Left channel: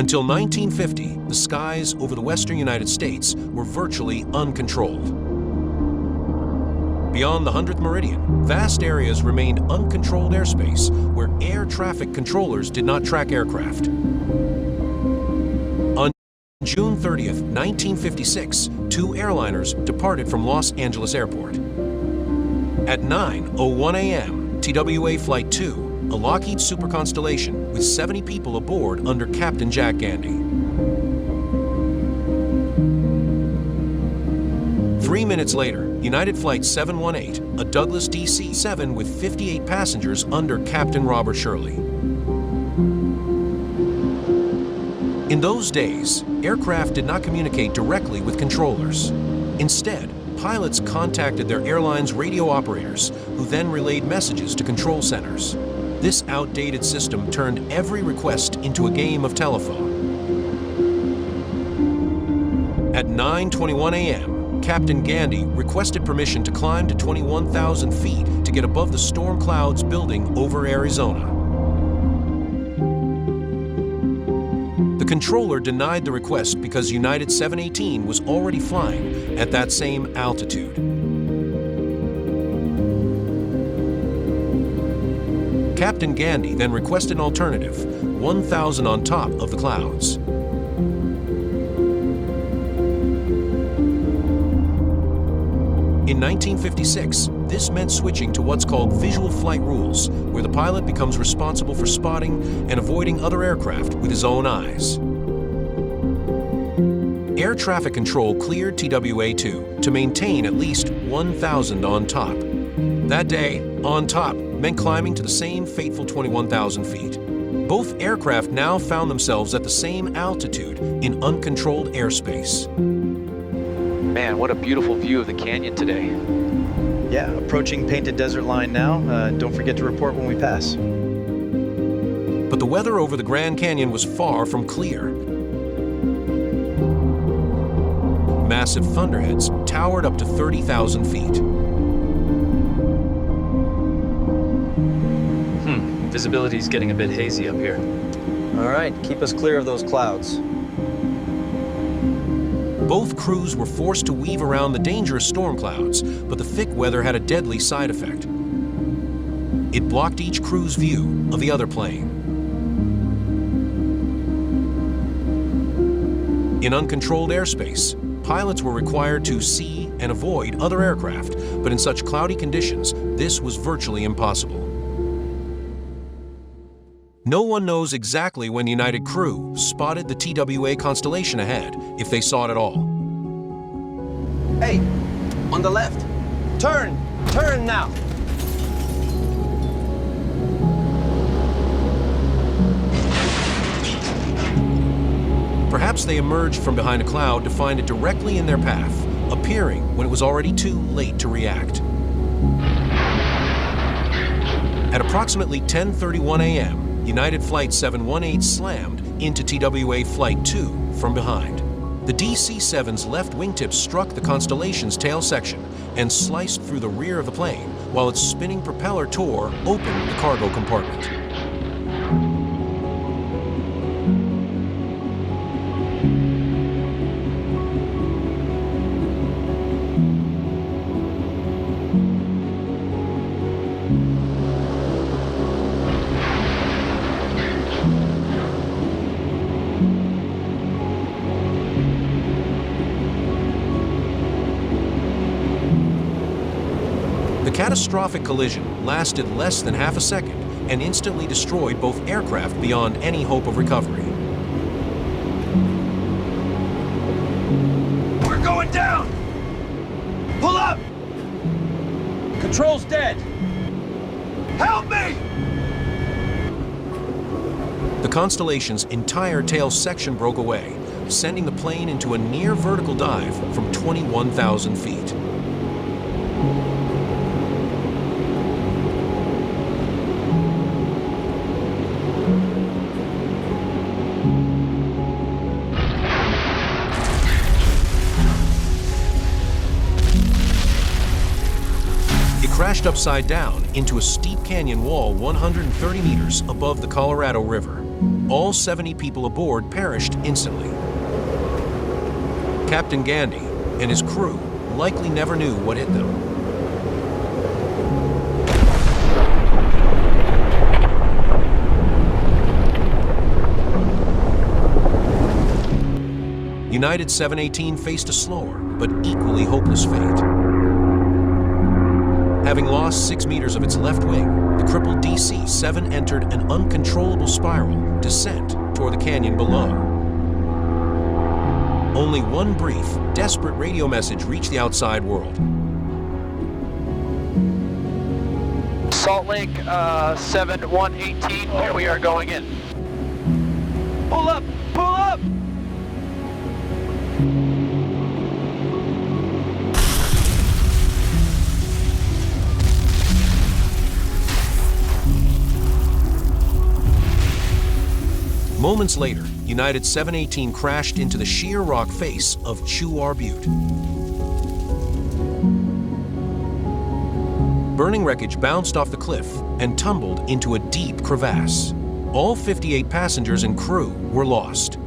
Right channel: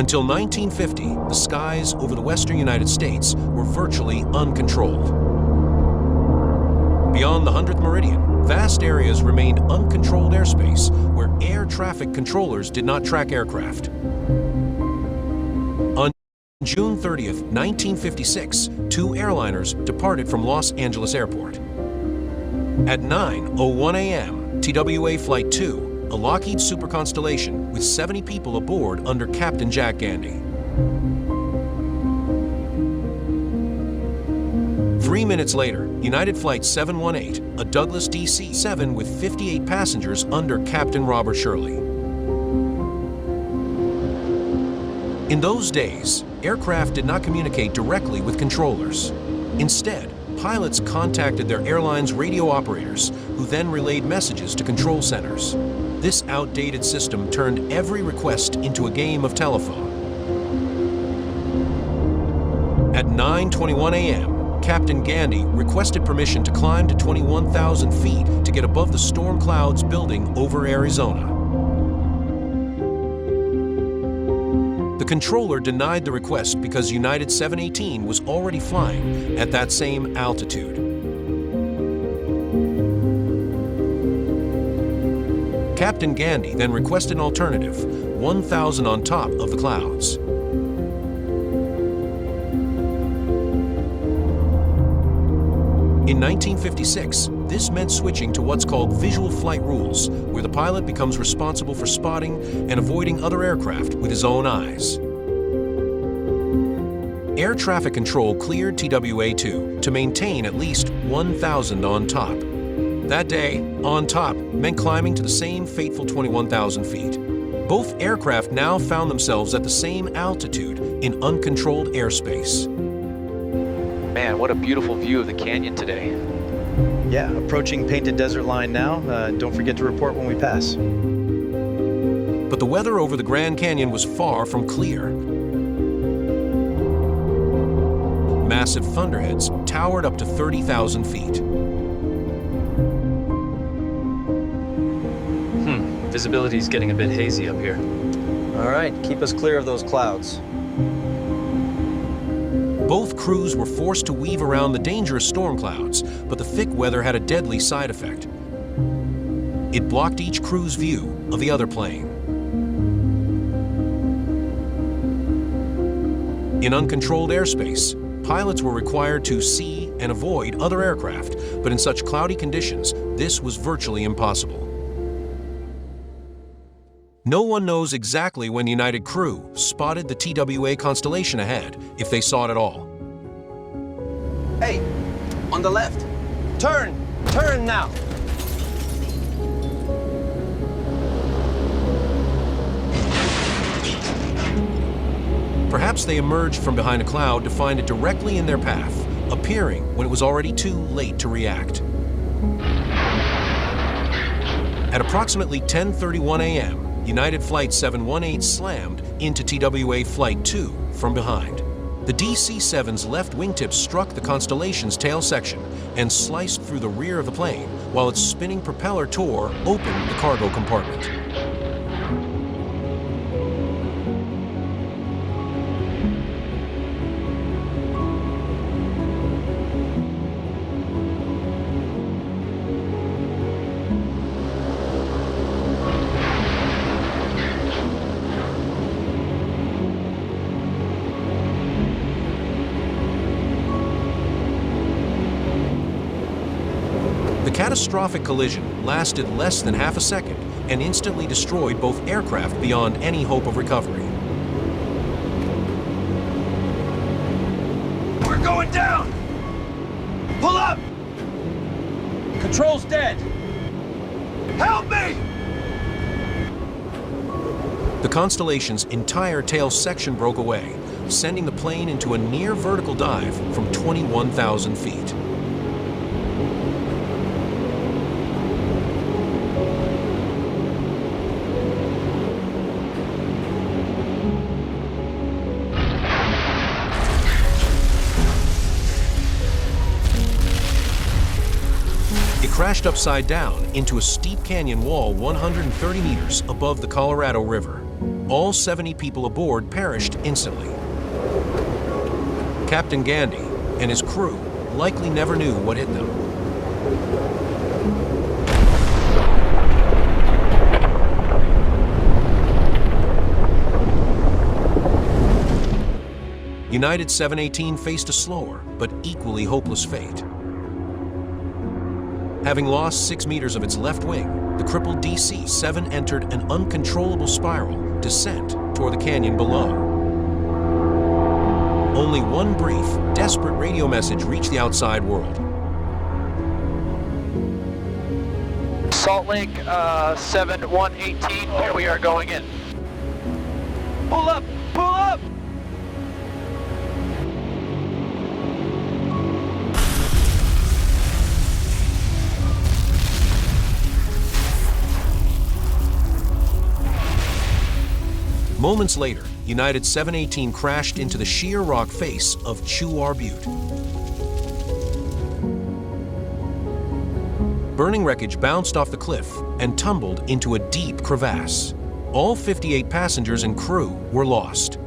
Until 1950, the skies over the western United States were virtually uncontrolled. Beyond the 100th meridian, vast areas remained uncontrolled airspace where air traffic controllers did not track aircraft. On June 30th, 1956, two airliners departed from Los Angeles Airport. At 9:01 a.m., TWA Flight 2, a Lockheed Super Constellation with 70 people aboard under Captain Jack Gandy. 3 minutes later, United Flight 718, a Douglas DC-7 with 58 passengers under Captain Robert Shirley. In those days, aircraft did not communicate directly with controllers. Instead, pilots contacted their airline's radio operators, who then relayed messages to control centers. This outdated system turned every request into a game of telephone. At 9:21 a.m., Captain Gandy requested permission to climb to 21,000 feet to get above the storm clouds building over Arizona. The controller denied the request because United 718 was already flying at that same altitude. Captain Gandy then requested an alternative, 1,000 on top of the clouds. In 1956, this meant switching to what's called visual flight rules, where the pilot becomes responsible for spotting and avoiding other aircraft with his own eyes. Air traffic control cleared TWA-2 to maintain at least 1,000 on top. That day, on top meant climbing to the same fateful 21,000 feet. Both aircraft now found themselves at the same altitude in uncontrolled airspace. Man, what a beautiful view of the canyon today. Yeah, approaching Painted Desert Line now. Don't forget to report when we pass. But the weather over the Grand Canyon was far from clear. Massive thunderheads towered up to 30,000 feet. Visibility's getting a bit hazy up here. All right, keep us clear of those clouds. Both crews were forced to weave around the dangerous storm clouds, but the thick weather had a deadly side effect. It blocked each crew's view of the other plane. In uncontrolled airspace, pilots were required to see and avoid other aircraft, but in such cloudy conditions, this was virtually impossible. No one knows exactly when United crew spotted the TWA constellation ahead, if they saw it at all. Hey, on the left. Turn now. Perhaps they emerged from behind a cloud to find it directly in their path, appearing when it was already too late to react. At approximately 10:31 a.m., United Flight 718 slammed into TWA Flight 2 from behind. The DC-7's left wingtip struck the Constellation's tail section and sliced through the rear of the plane, while its spinning propeller tore open the cargo compartment. The catastrophic collision lasted less than half a second and instantly destroyed both aircraft beyond any hope of recovery. We're going down! Pull up! Control's dead! Help me! The Constellation's entire tail section broke away, sending the plane into a near vertical dive from 21,000 feet. crashed upside down into a steep canyon wall 130 meters above the Colorado River. All 70 people aboard perished instantly. Captain Gandy and his crew likely never knew what hit them. United 718 faced a slower but equally hopeless fate. Having lost 6 meters of its left wing, the crippled DC-7 entered an uncontrollable spiral descent toward the canyon below. Only one brief, desperate radio message reached the outside world. Salt Lake 7118, here we are going in. Pull up! Pull up! Moments later, United 718 crashed into the sheer rock face of Chuar Butte. Burning wreckage bounced off the cliff and tumbled into a deep crevasse. All 58 passengers and crew were lost.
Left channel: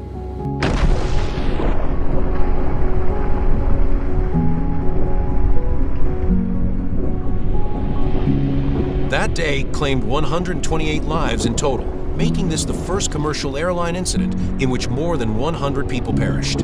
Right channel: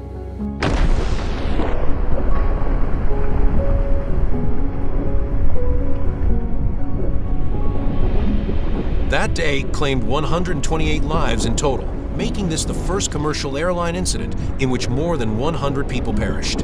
That day claimed 128 lives in total, making this the first commercial airline incident in which more than 100 people perished.